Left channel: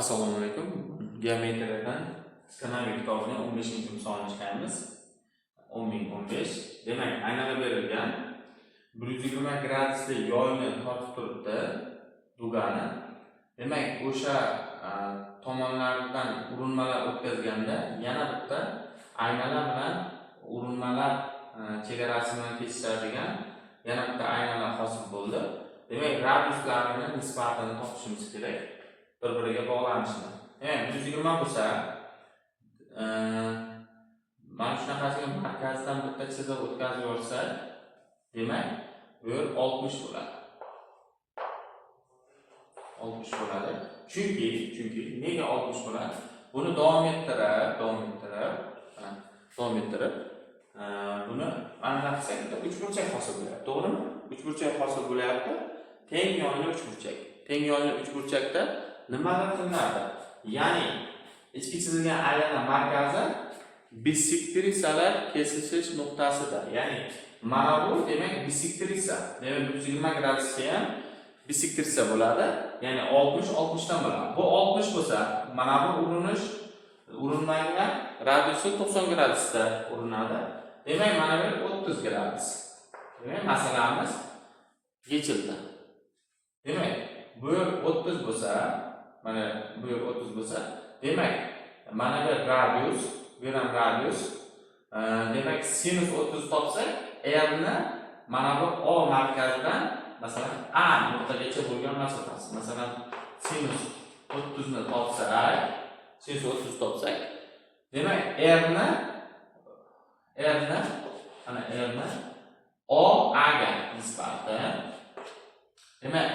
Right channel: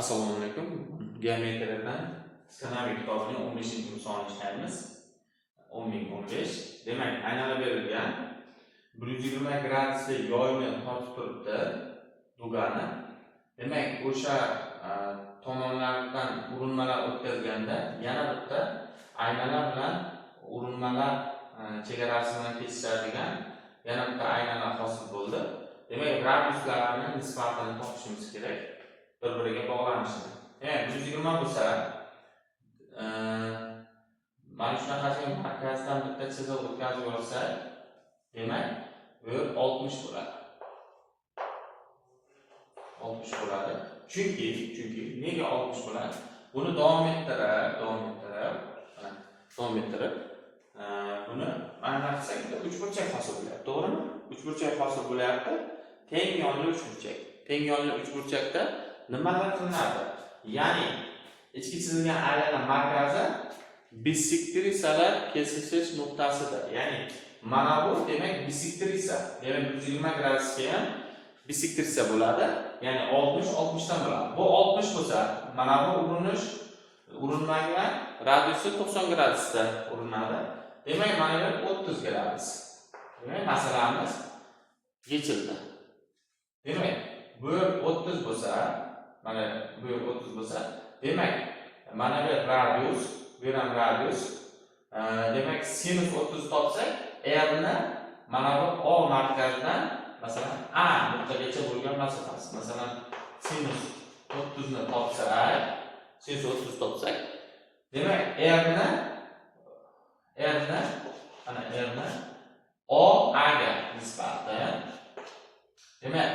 Assalomu alaykum. Geometriyadan skanavik kitobining 15-misolini ishlaymiz. 10.015. Demak, aylanib berilgan 120 gradusli yoyni tortib turibdi dugani. Demak, o'sha tomonlardan urinmalar o'tkazganda yana bitta aynalar bilan urinmalar chegarasi bilan kesishadigan yana bitta aynalar hosil bo'ldi. Demak, radiuslarini nisbatini topishimiz kerak. Bir-biriga bog'lanishini. 120 bo'lsa, mana shunaqasiga markazdan bitta chiziq o'tkazib yorsak, demak, bu yer 60 bo'ladi. 60 bo'ladi. Chunki nega 60 bo'ladi? Buni davom ettirib, buni mana qilsak, uchburchak hosil bo'lyapti, to'g'rimi? Uchburchak hosil bo'lyapti. Teng yonli uchburchak. Teng yonli uchburchakda nimalar qilinadi? Ya'ni ichki chizilgan aylana markazi bisektrisalar kesishish nuqtasida. Ya'ni mana bu demak bisektrisa. Demak 120 gradusga ham bisektrisa bo'ladi. Ya'ni 60 dan bo'ladi. Bu 60 bo'lsa, mana bu urinmagan radiusi 90 gradusda urinadi. Demak, mana bu 30 gradus. Demak, masalamiz yechildi. Demak, bu 30 bo'lsa, mana bu 30 bo'lsa, demak, mana bu radius, bu ham radius. Demak, sinus 30 topsak, R ni mana bu O markazidan, masalan, A nuqtagacha bo'lgan masofasi. Masalan, sinus 30 ni topsak, demak, R ni O A ga nisbatan. Demak,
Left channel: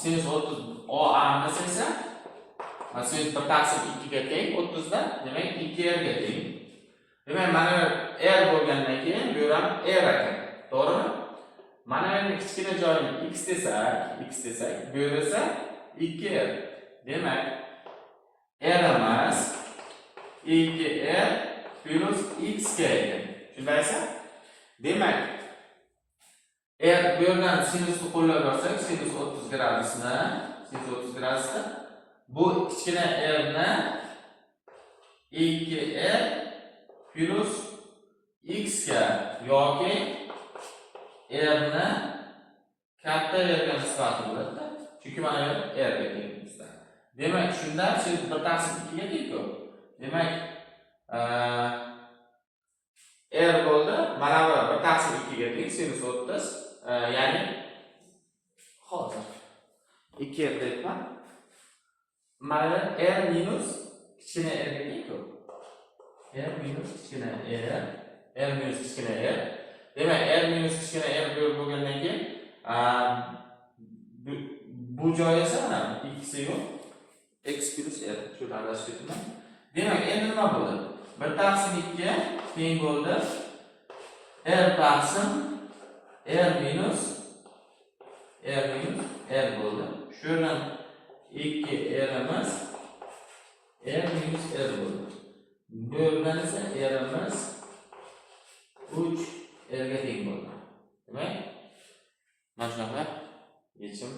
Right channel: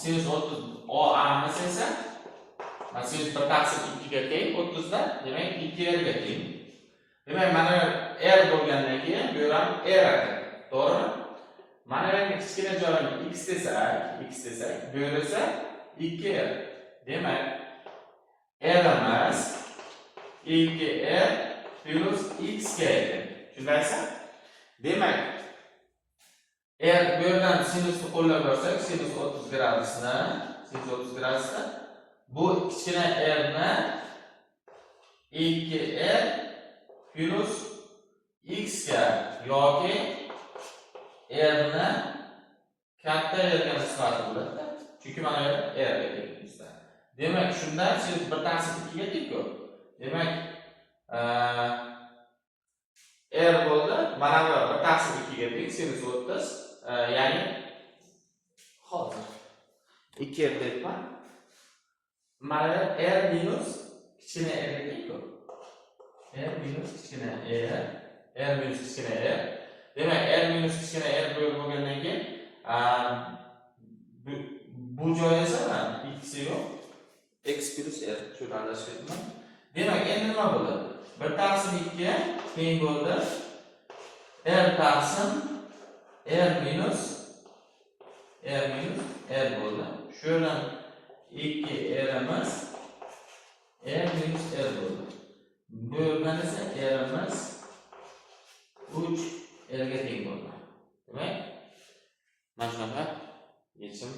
sinus 30 O A esa, sinus 1/2 ga teng 30 dan, demak 2R ga teng. Demak, mana R bo'lgandan keyin bu ham R ekan. To'g'rimi? Mana bu kichkina joyini x desak, bu esa 2R. Demak, R emas 2R plus x ga ekan. Tushundingizmi? Demak, R bu yerdan sinusni qo'llab olsak, sinus 30 gradusni, bu kichkina R ni 2R plus x ga yoki R ni katta R ga nisbati bo'ladi. Chunki mana bu R ga teng bizda. Demak, shundan sinus 1/2 ga teng-ku. Demak, R bo'ldi, mana bu 1/2 ga teng sinus 30. Ya'ni hozir 2R deyapman. Mana R minus kichkina R ga teng-ku. R minus kichkina R. Demak, R minus kichkina R bo'lgandan keyin bu joy esa mana x yo'q, x plus R shuni adashib ketdim. Demak, endi nima bo'ladi? 1/2 teng bo'ldi. R taqsim R minus R bo'ldi. Shundan 2R emas R minus R bo'ldi. Bu yerdan esa R emas 3R ga teng bo'ldi. Demak, mana shunaqa yechim